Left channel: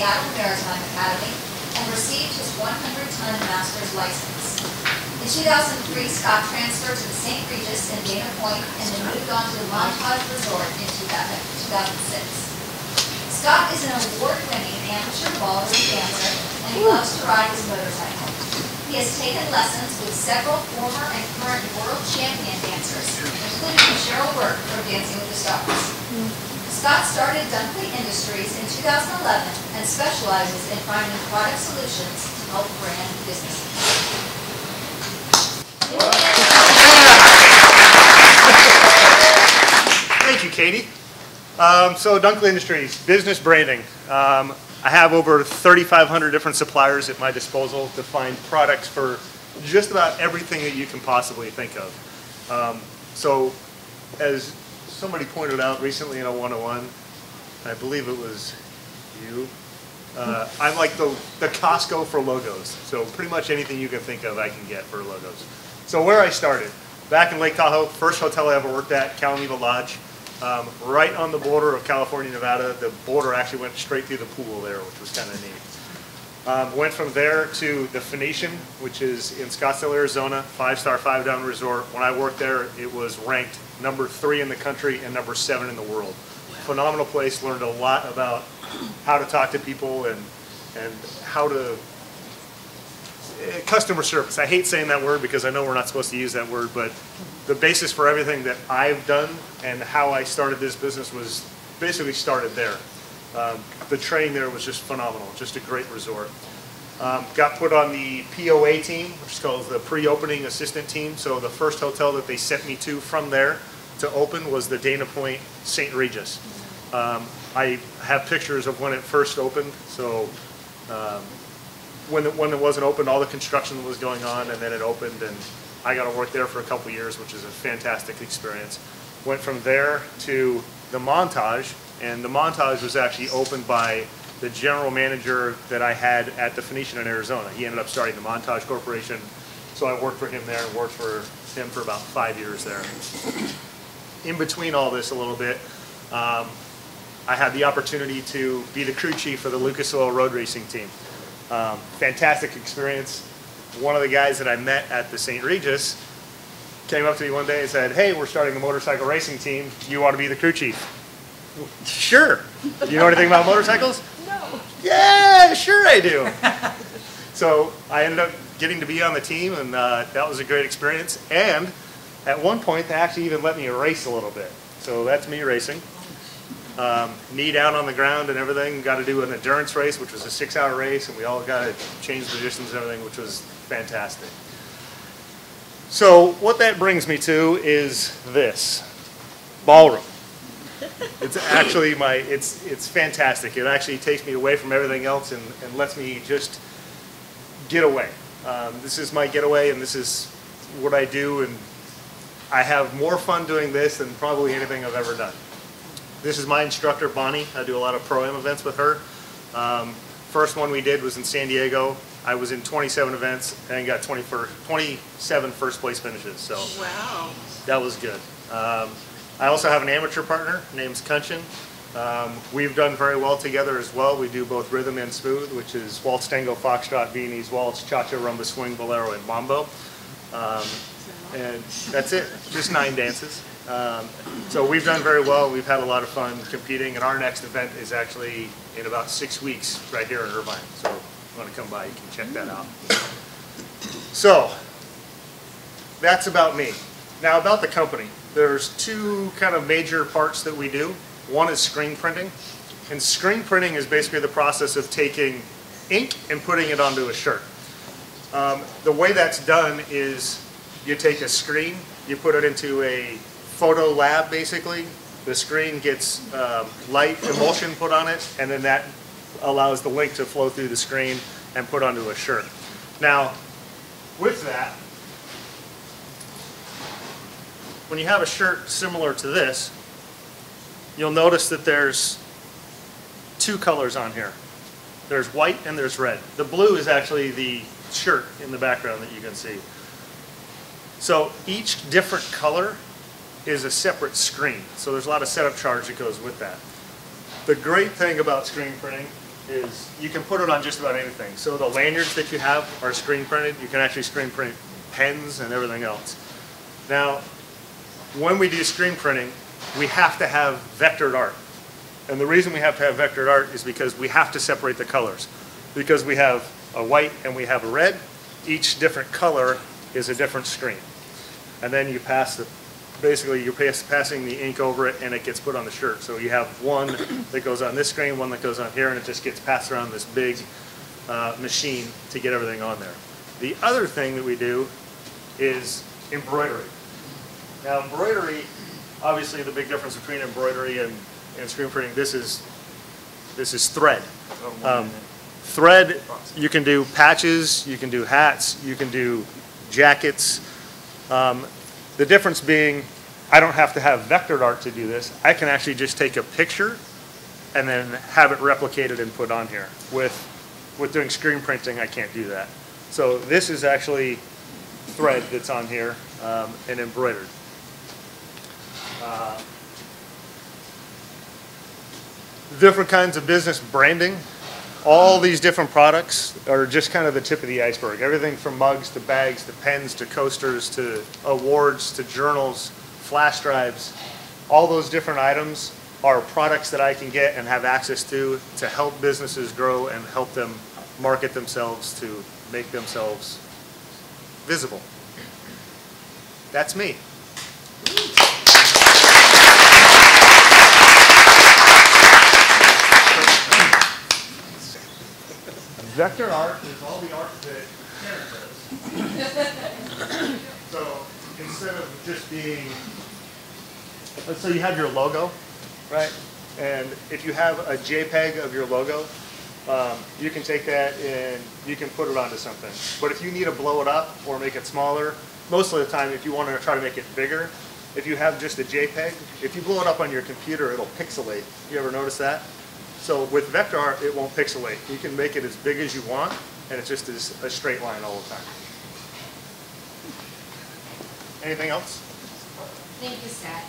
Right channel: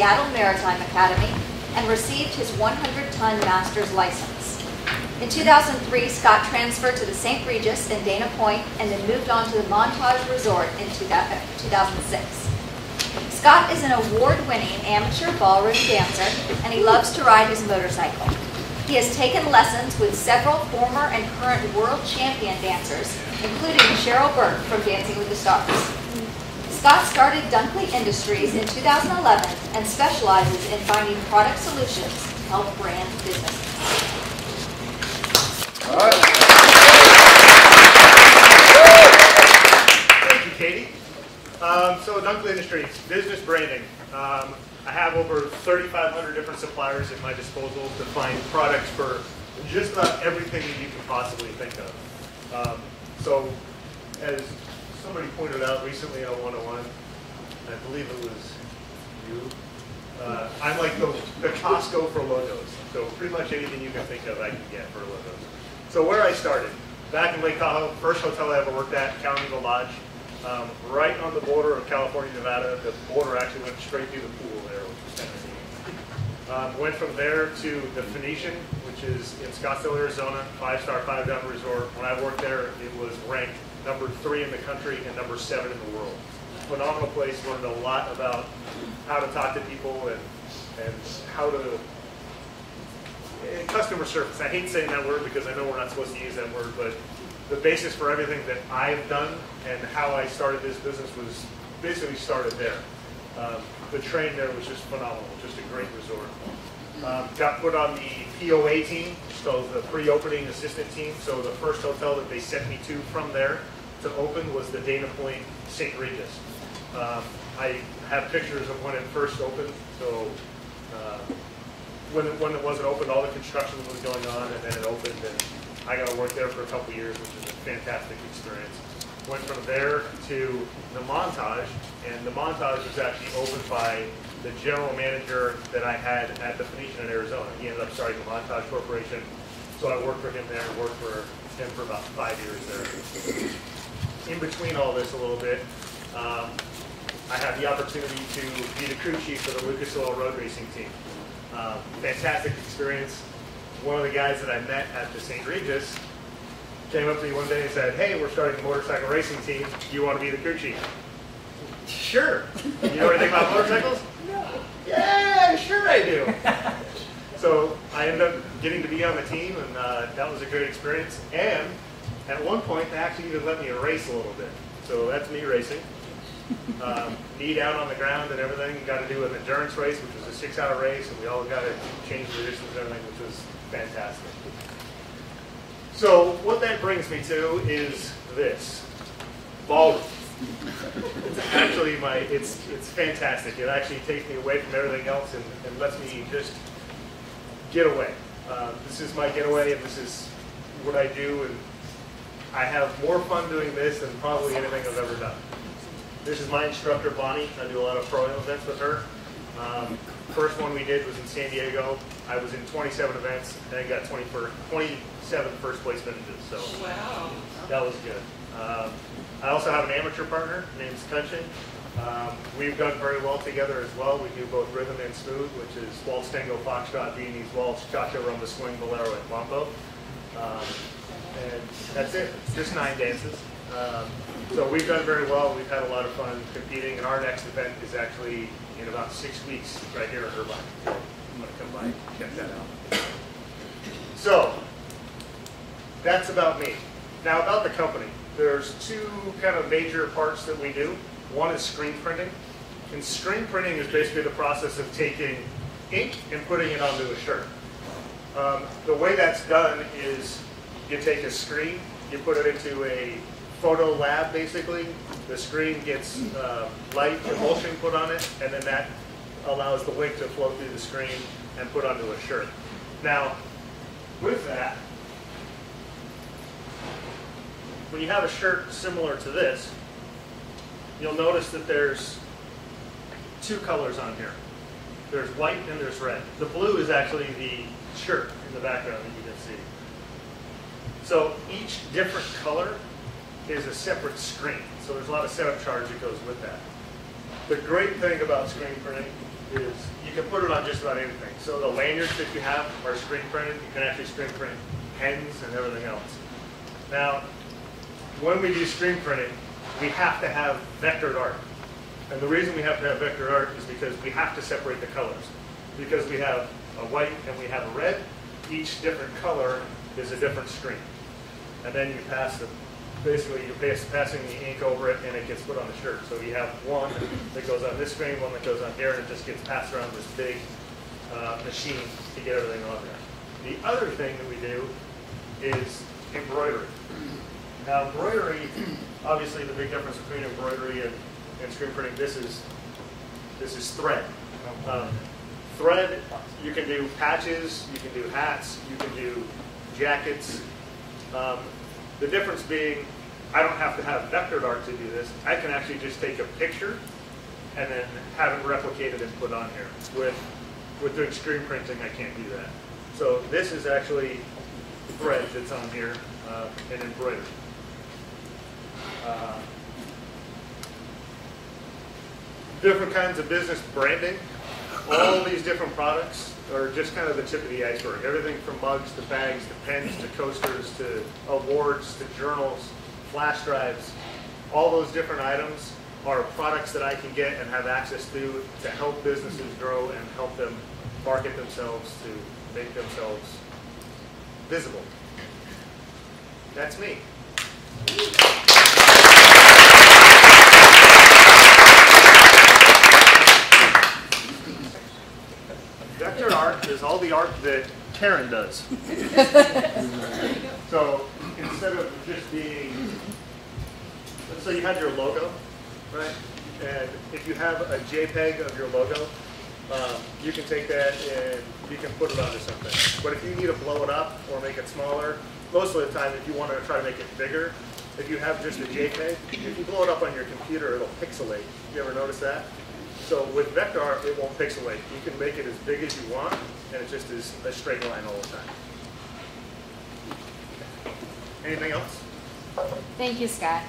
Seattle Maritime Academy and received his 100-ton master's license. In 2003, Scott transferred to the St. Regis in Dana Point and then moved on to the Montage Resort in 2006. Scott is an award-winning amateur ballroom dancer, and he loves to ride his motorcycle. He has taken lessons with several former and current world champion dancers, including Cheryl Burke from Dancing with the Stars. Scott started Dunklee Industries in 2011 and specializes in finding product solutions to help brand businesses. Thank you, Katie. So Dunklee Industries, business branding. I have over 3,500 different suppliers at my disposal to find products for just about everything that you can possibly think of. So as somebody pointed out recently on 101, I believe it was you, I'm like the Costco for logos. So pretty much anything you can think of I can get for logos. So where I started, back in Lake Tahoe, first hotel I ever worked at, Calamita Lodge, right on the border of California, Nevada. The border actually went straight through the pool there, which was kind of neat. Went from there to the Phoenician, which is in Scottsdale, Arizona, 5-star, 5-down resort. When I worked there, it was ranked number 3 in the country and number 7 in the world. Phenomenal place, learned a lot about how to talk to people and how to customer service. I hate saying that word because I know we're not supposed to use that word, but the basis for everything that I've done and how I started this business was basically started there. The training there was just phenomenal, just a great resort. Got put on the POA team, which is called the pre-opening assistant team. So the first hotel that they sent me to from there to open was the Dana Point St. Regis. I have pictures of when it first opened. So when it wasn't opened, all the construction was going on, and then it opened, and I got to work there for a couple of years, which is a fantastic experience. Went from there to the Montage, and the Montage was actually opened by the general manager that I had at the Phoenician in Arizona. He ended up starting the Montage Corporation, so I worked for him there and worked for him for about 5 years there. In between all this a little bit, I had the opportunity to be the crew chief for the Lucas Oil Road Racing team. Fantastic experience. One of the guys that I met at the St. Regis came up to me one day and said, "Hey, we're starting a motorcycle racing team. Do you want to be the crew chief?" Sure. You know anything about motorcycles? No. Yeah, sure I do. So I ended up getting to be on the team, and that was a great experience. And at one point, they actually even let me race a little bit. So that's me racing. Knee down on the ground and everything. Got to do an endurance race, which was a 6-hour race, and we all got to change the distance and everything, which was fantastic. So what that brings me to is this ballroom. It's actually it's fantastic. It actually takes me away from everything else and lets me just get away. This is my getaway, and this is what I do, and I have more fun doing this than probably anything I've ever done. This is my instructor, Bonnie. I do a lot of Pro-Am events with her. First one we did was in San Diego. I was in 27 events and got 27 first place finishes. So wow, that was good. I also have an amateur partner named Kunchin. We've done very well together as well. We do both rhythm and smooth, which is waltz, tango, foxtrot, Viennese waltz, cha-cha, rumba, swing, bolero, and mambo. And that's it, just 9 dances. So we've done very well. We've had a lot of fun competing, and our next event is actually in about 6 weeks right here in Irvine. So if you want to come by, you can check that out. So that's about me. Now about the company. There's 2 kind of major parts that we do. One is screen printing. And screen printing is basically the process of taking ink and putting it onto a shirt. The way that's done is you take a screen, you put it into a photo lab basically. The screen gets light emulsion put on it, and then that allows the ink to flow through the screen and put onto a shirt. Now, with that, when you have a shirt similar to this, you'll notice that there's 2 colors on here. There's white and there's red. The blue is actually the shirt in the background that you can see. So each different color is a separate screen. So there's a lot of setup charge that goes with that. The great thing about screen printing is you can put it on just about anything. So the lanyards that you have are screen printed. You can actually screen print pens and everything else. Now, when we do screen printing, we have to have vectored art. And the reason we have to have vectored art is because we have to separate the colors. Because we have a white and we have a red, each different color is a different screen. And then you pass the, basically you're passing the ink over it and it gets put on the shirt. So you have one that goes on this screen, one that goes on here, and it just gets passed around this big machine to get everything on there. The other thing that we do is embroidery. Now embroidery, obviously the big difference between embroidery and screen printing, this is thread. Thread, you can do patches, you can do hats, you can do jackets. The difference being, I don't have to have vectored art to do this. I can actually just take a picture and then have it replicated and put on here. With doing screen printing, I can't do that. So this is actually thread that's on here and embroidered. Different kinds of business branding. All these different products are just kind of the tip of the iceberg. Everything from mugs to bags to pens to coasters to awards to journals, flash drives. All those different items are products that I can get and have access to help businesses grow and help them market themselves to make themselves visible. That's me. Vector art is all the art that Karen does. So instead of just being, let's say you have your logo, right? And if you have a JPEG of your logo, you can take that and you can put it onto something. But if you need to blow it up or make it smaller, most of the time if you want to try to make it bigger, if you have just a JPEG, if you blow it up on your computer, it'll pixelate. You ever notice that? So with vector art, it won't pixelate. You can make it as big as you want, and it just is a straight line all the time. Anything else? Thank you, Scott.